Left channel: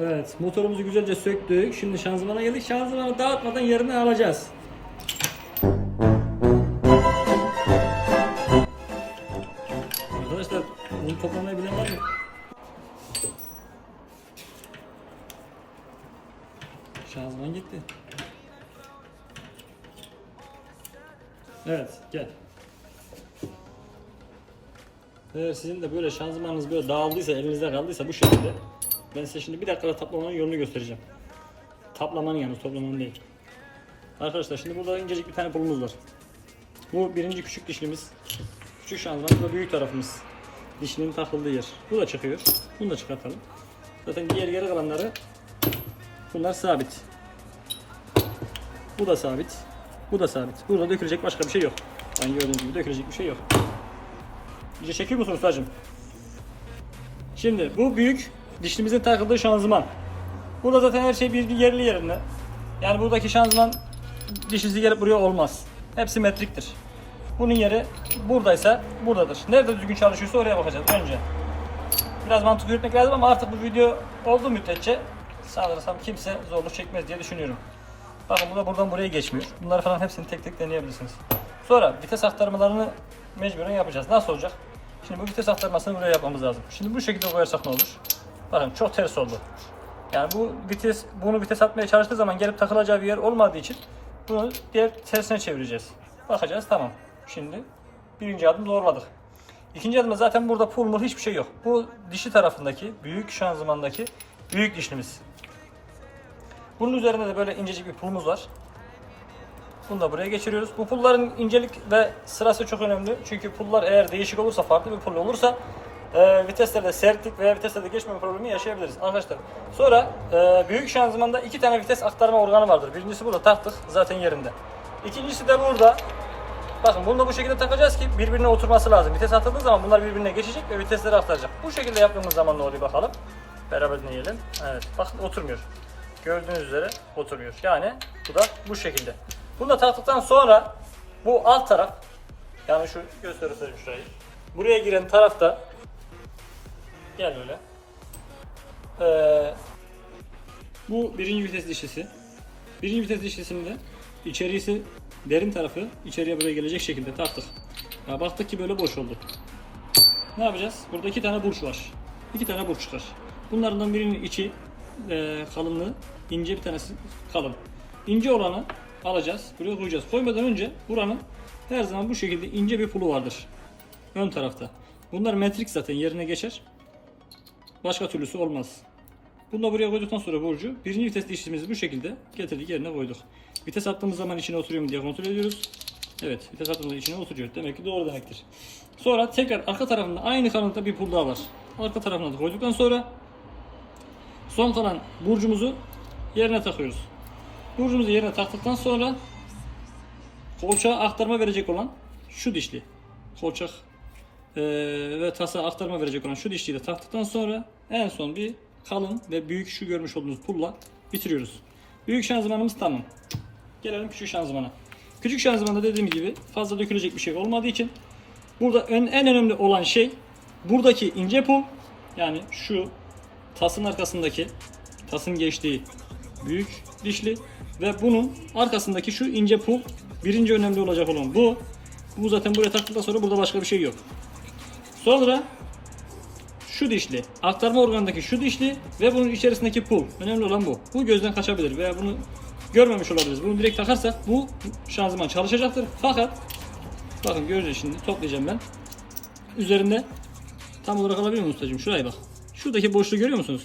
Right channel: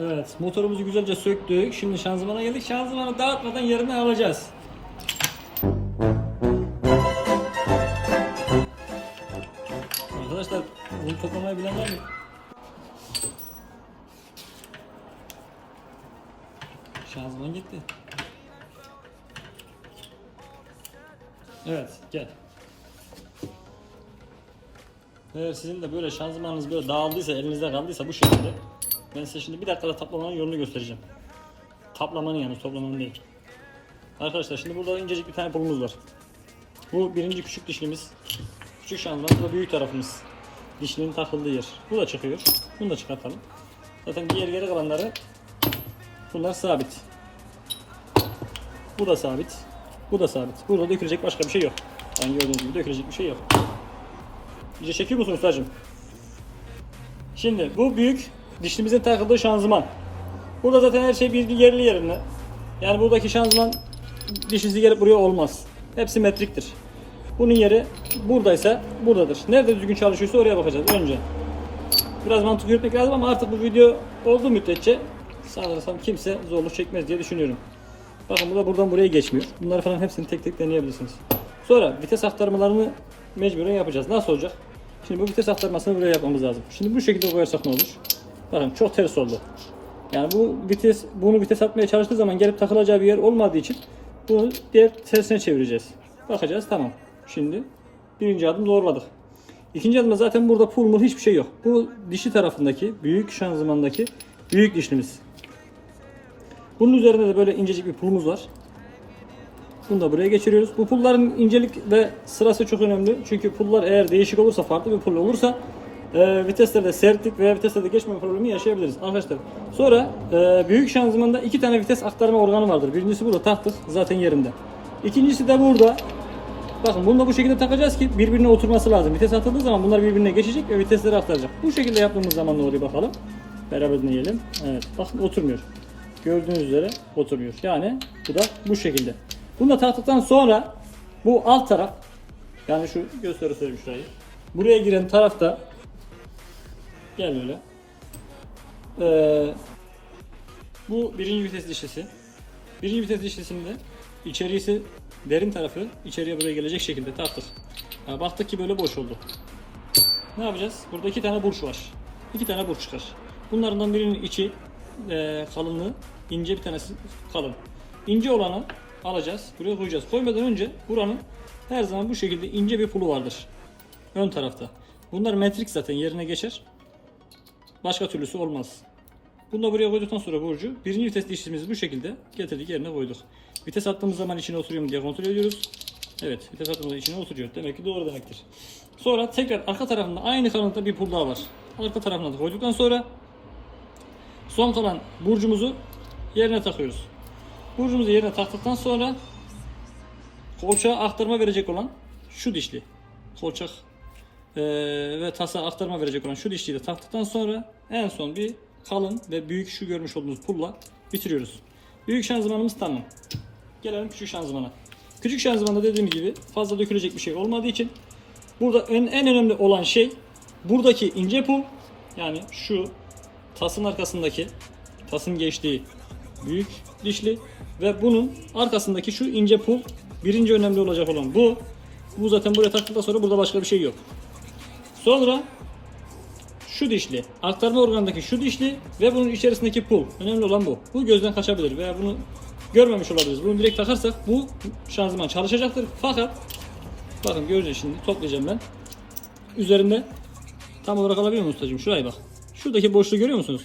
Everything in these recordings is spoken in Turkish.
Evet, motorumuzu güzelce söktük. Şimdi şanzımana geldik. Şanzımanı dağıtmadan yerine alacağız. Arkadaşlar, bunu toplamayı bilen var mı? Şanzıman gitti. Evet, gel. Eğer sizin de böyle şanzımanınız böyle dağıldıysa, elinizde kaldıysa bu şekilde ben size şimdi bir dakikada taplamanın yolunu göstereceğim. Taplamanın yalnız, toplamanın değil. Arkadaşlar şimdi burada incecik bir tane pulumuz var. Bu birinci küçük dişlimiz. Küçük şanzıman, bu büyük tarafımız. Dişlinin takıldığı yer. Bu da çıkıyor. Bunu da çıkartalım. Zaten diğer geri kalanları bunlar sabit. Bu da sabit. Bu da sabit. Burada dökülecek başka bir şey yok. Yani gördüğünüz gibi dökülecek bir şey yok. İyice çekiyor musun ustacığım? Şimdi bu büyük dişlimizin takıldığı şanzıman. Burada zaten her şey bir, yerli yerinde. Yani buradaki şanzıman dişinizi gelip buraya olmaz. Hepsi metriktir. Bunun yeri buradaysa buradadır. Nerede düzgün çalışıyorsa oraya bakacağız önce. Biraz mantık yürütmek lazım ama artık bu video olduğu müddetçe sanırsam kimse zorluk çekmez diye düşünüyorum. Bakın bu da buradan buraya geçmiyor. Bunları falan hepsini tek tek deneyebilirsiniz. Sonra vites aktarmalarını mecburen yapacağız. Nasıl olacak? Şimdi bu vites aktarmasını buraya yapmamız lazım. Şimdi bu şekilde koyarsak ne olur? Bakın çok ters oldu. Yani bu vites bunu vites atmaya çalıştığı zaman gelip takılacağı bir yer olmadığı için bunu diğer tersine çevireceğiz. Bakacağız tamam. Şimdi birinci adım doğruladık. İkinci adımda zaten burada pul hiçbir şey yok. Bu dişi tarafındaki büyük şanzımandaki büyük dişlimiz. Bunun üzerinde de böyle incecik bir pulumuz var. Bunu da buraya geçiriyoruz. Bu pulların incelik ve sırası çok önemli. Çünkü pullar eğer değişik olursa, farklı bir pul olursa e, viteslerde sertlik veya viteslerde geçme problemi yaşayabiliriz arkadaşlar. Sonra e, büyük şanzımanda iki tane vites aktarma organı vardır. Birincisi burada taktık zaten yerinde. İkincisi de burada. Bakın bunu da bu şekilde takacağız ki birbirine oturması lazım. Vites atıldığı zaman bunlar birbirine geçecek ve vitesleri aktaracak. Bu şekilde yaptığımız zaman ne oluyor bakalım. Beraber dinleyelim. Evet bakın oturmuyor. Gördüğünüz üzere oturuyor. Yani bu da bu şekilde. Bunu da taktıktan sonra bu alt taraf yani şu gösterseyim şurayı. Buraya giren tarafta gel. Ee, bu birinci vites dişlisi. Birinci vites dişlisinde içerisi derin tarafı içeriye buraya gelecek şekilde taktık. Ya baktık ki böyle boş oldu. Ne yapacağız? Burada iki tane burç var. İki tane burç çıkar. Bunlardan birinin içi e, kalınlığı ince bir tanesi kalın. İnce olanı alacağız. Buraya koyacağız. Koymadan önce buranın her zaman bu şekilde ince bir pulu vardır. Ön tarafta. Bunlar metrik zaten yerine geçer. Başka türlüsü olmaz. Bunu da buraya koyduktan sonra burcu birinci vites dişimizi bu şekilde getirdik yerine koyduk. Vites attığımız zaman içine oturuyor mu diye kontrol ediyoruz. Evet vites attığımızda içine oturuyor. Demek ki doğru demektir. Sonra tekrar arka tarafında aynı kalınlıkta bir pul daha var. Arka tarafına da koyduktan sonra son kalan burcumuzu yerine takıyoruz. Burcumuzu yerine taktıktan sonra kolçağa aktarma verecek olan şu dişli. Kolçak eee, ve tasa aktarma verecek olan şu dişliyi de taktıktan sonra en son bir kalın ve büyük şu görmüş olduğunuz pulla bitiriyoruz. Büyük şanzımanımız tamam. Gelelim küçük şanzımana. Küçük şanzımanda dediğim gibi fazla dökülecek bir şey olmadığı için burada en, en önemli olan şey buradaki ince pul yani şu tasın arkasındaki tasın geçtiği büyük dişli ve bunun arkasındaki şu ince pul birinci önemli olacak olan bu. Bu zaten buraya taktıktan sonra burada başka bir şey yok. Sonra şu dişli, aktarma organındaki şu dişli ve bunun içerisindeki pul. Önemli olan bu. Bu gözden kaçabilir veya bunu görmemiş olabiliriz. Bunu direkt takarsak bu şanzıman çalışacaktır. Fakat bakın göreceğiz şimdi toplayacağım ben. Üzerinde tam olarak alabiliyor musun ustacığım? Şuraya bak. Şuradaki boşluğu görüyor musunuz?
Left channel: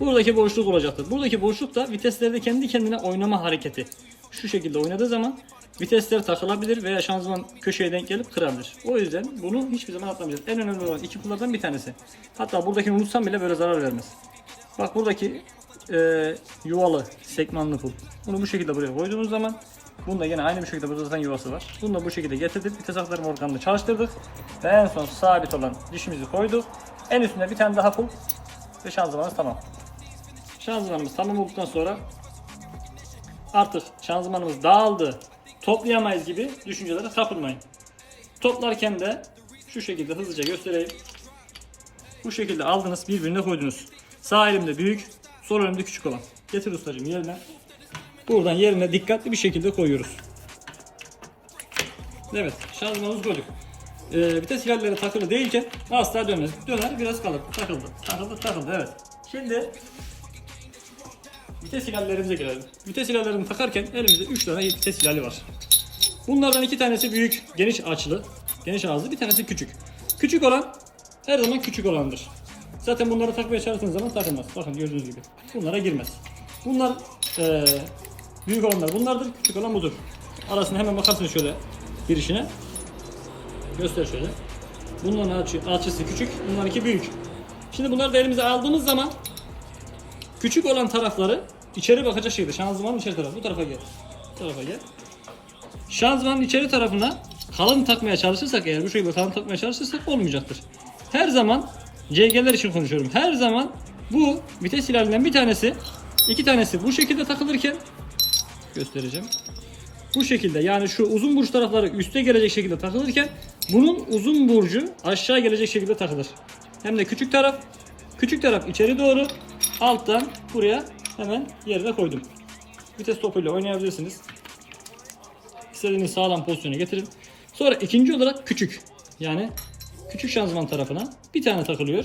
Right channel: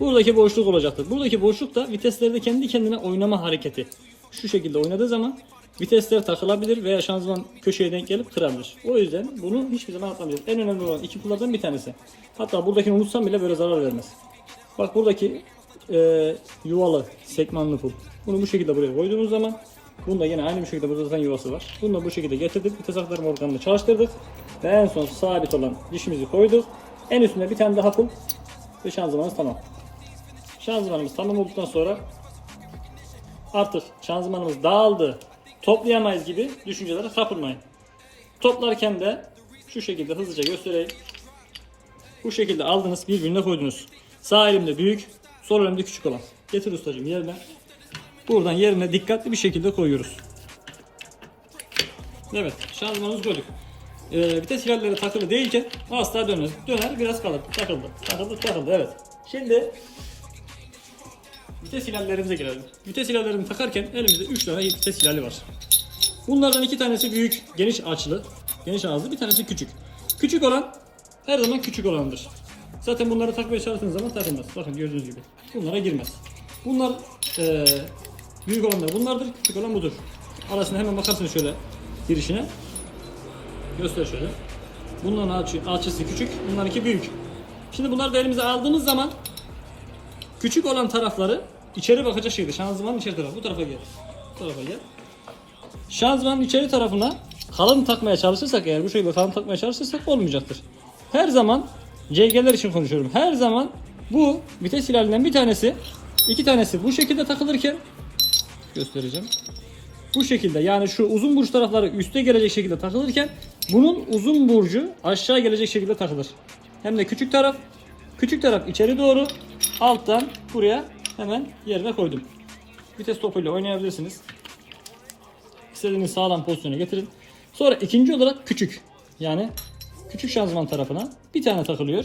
Buradaki boşluk olacaktır. Buradaki boşluk da viteslerde kendi kendine oynama hareketi. Şu şekilde oynadığı zaman vitesler takılabilir veya şanzıman köşeye denk gelip kırabilir. O yüzden bunu hiçbir zaman atlamayacağız. En önemli olan iki pullardan bir tanesi. Hatta buradakini unutsam bile böyle zarar vermez. Bak buradaki e, yuvalı sekmanlı pul. Bunu bu şekilde buraya koyduğumuz zaman Bunda yine aynı bir şekilde burada zaten yuvası var. Bunu da bu şekilde getirdik. Vites aktarma organını çalıştırdık. Ve en son sabit olan dişimizi koyduk. En üstünde bir tane daha pul. Ve şanzımanımız tamam. Şanzımanımız tamam olduktan sonra artık şanzımanımız dağıldı, toplayamayız gibi düşüncelere kapılmayın. Toplarken de şu şekilde hızlıca göstereyim. Bu şekilde aldınız birbirine koydunuz. Sağ elimde büyük, Sol önümde küçük olan. Getir ustacığım yerine. Buradan yerine dikkatli bir şekilde koyuyoruz. Evet şanzımanımız koyduk. Ee, vites ilerleri takılı değilken asla dönmez. Döner biraz kalır. Takıldı. Takıldı takıldı evet. Şimdi vites ilerlerimize gelelim. Vites ilerlerini takarken elimizde 3 tane vites ilerli var. Bunlardan iki tanesi büyük, geniş açılı, geniş ağızlı, bir tanesi küçük. Küçük olan her zaman küçük olandır. Zaten bunları takmaya çalıştığınız zaman takılmaz. Bakın gördüğünüz gibi. Bunlara girmez. Bunlar eee, büyük olanlar bunlardır, küçük olan budur. Arasına hemen bakarsın şöyle girişine. Göster şöyle. Bunların açı, açısı küçük, bunlarınki büyük. Şimdi bunları da elimize aldığımız zaman küçük olan tarafları içeri bakacak şekilde şanzımanın içeri tarafı bu tarafa gel. Bu tarafa gel. Şanzımanın içeri tarafına kalın takmaya çalışırsak eğer bu şekilde kalın takmaya çalışırsak olmayacaktır. Her zaman CG'ler için konuşuyorum. Her zaman bu vites ilerlerinden bir tanesi, iki tanesi bu şekilde takılırken göstereceğim. Bu şekilde yani şu uzun burç tarafları üste gelecek şekilde takılırken bunun uzun burcu aşağı gelecek şekilde takılır. Hem de küçük taraf, küçük taraf içeri doğru, alttan buraya hemen yerine koydum. Vites topuyla oynayabilirsiniz. İstediğiniz sağlam pozisyona getirin. Sonra ikinci olarak küçük. Yani küçük şanzıman tarafına bir tane takılıyor.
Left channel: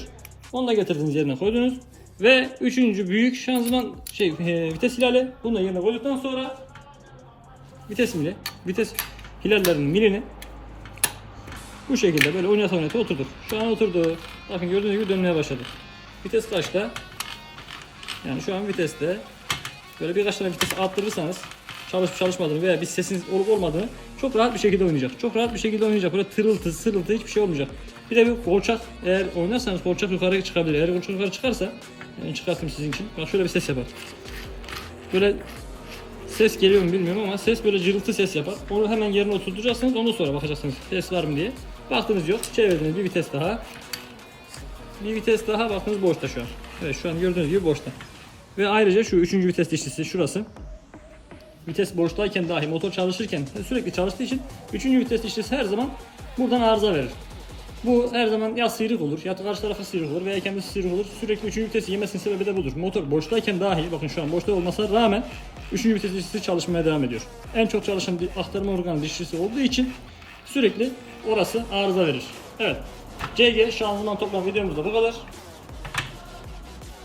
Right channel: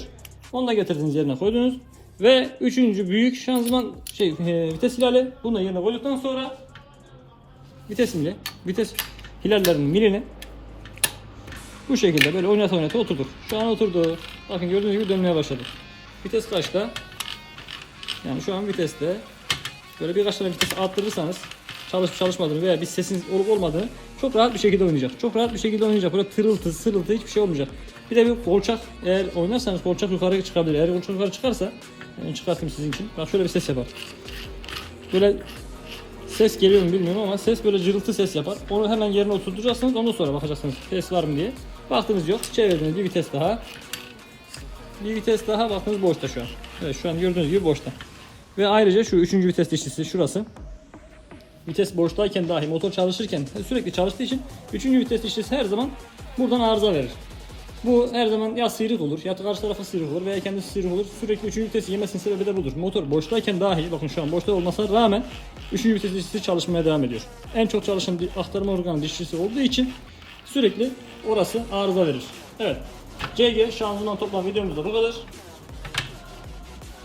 Onu da getirdiniz yerine koydunuz. Ve üçüncü büyük şanzıman şey e, vites hilali bunu da yerine koyduktan sonra vites vites hilallerinin milini bu şekilde böyle oynata oynata oturdu. Şu an oturdu. Bakın gördüğünüz gibi dönmeye başladı. Vites kaçta? Yani şu an viteste. Böyle birkaç tane vites arttırırsanız çalışıp çalışmadığını veya bir sesiniz olup olmadığını çok rahat bir şekilde oynayacak. Çok rahat bir şekilde oynayacak. Böyle tırıltı, sırıltı hiçbir şey olmayacak. Bir de bir kolçak eğer oynarsanız kolçak yukarı çıkabilir. Eğer kolçak yukarı çıkarsa yani çıkarsın sizin için. Bak şöyle bir ses yapar. Böyle ses geliyor mu bilmiyorum ama ses böyle cırıltı ses yapar. Onu hemen yerine oturtacaksınız. Ondan sonra bakacaksınız ses var mı diye. Baktınız yok. Çevirdiniz bir vites daha. Bir vites daha baktınız boşta şu an. Evet şu an gördüğünüz gibi boşta. Ve ayrıca şu üçüncü vites dişlisi şurası. Vites boştayken dahi motor çalışırken sürekli çalıştığı için üçüncü vites dişlisi her zaman buradan arıza verir. Bu her zaman ya sıyrık olur ya karşı tarafa sıyrık olur veya kendisi sıyrık olur. Sürekli üçüncü vitesi yemesinin sebebi de budur. Motor boştayken dahi bakın şu an boşta olmasına rağmen üçüncü vites dişlisi çalışmaya devam ediyor. En çok çalışan aktarma organı dişlisi olduğu için sürekli orası arıza verir. Evet. CG şanzıman toplam videomuz da bu kadar.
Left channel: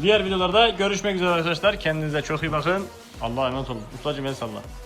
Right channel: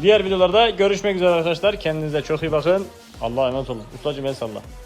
Diğer videolarda görüşmek üzere arkadaşlar. Kendinize çok iyi bakın. Allah'a emanet olun. Ustacım el salla.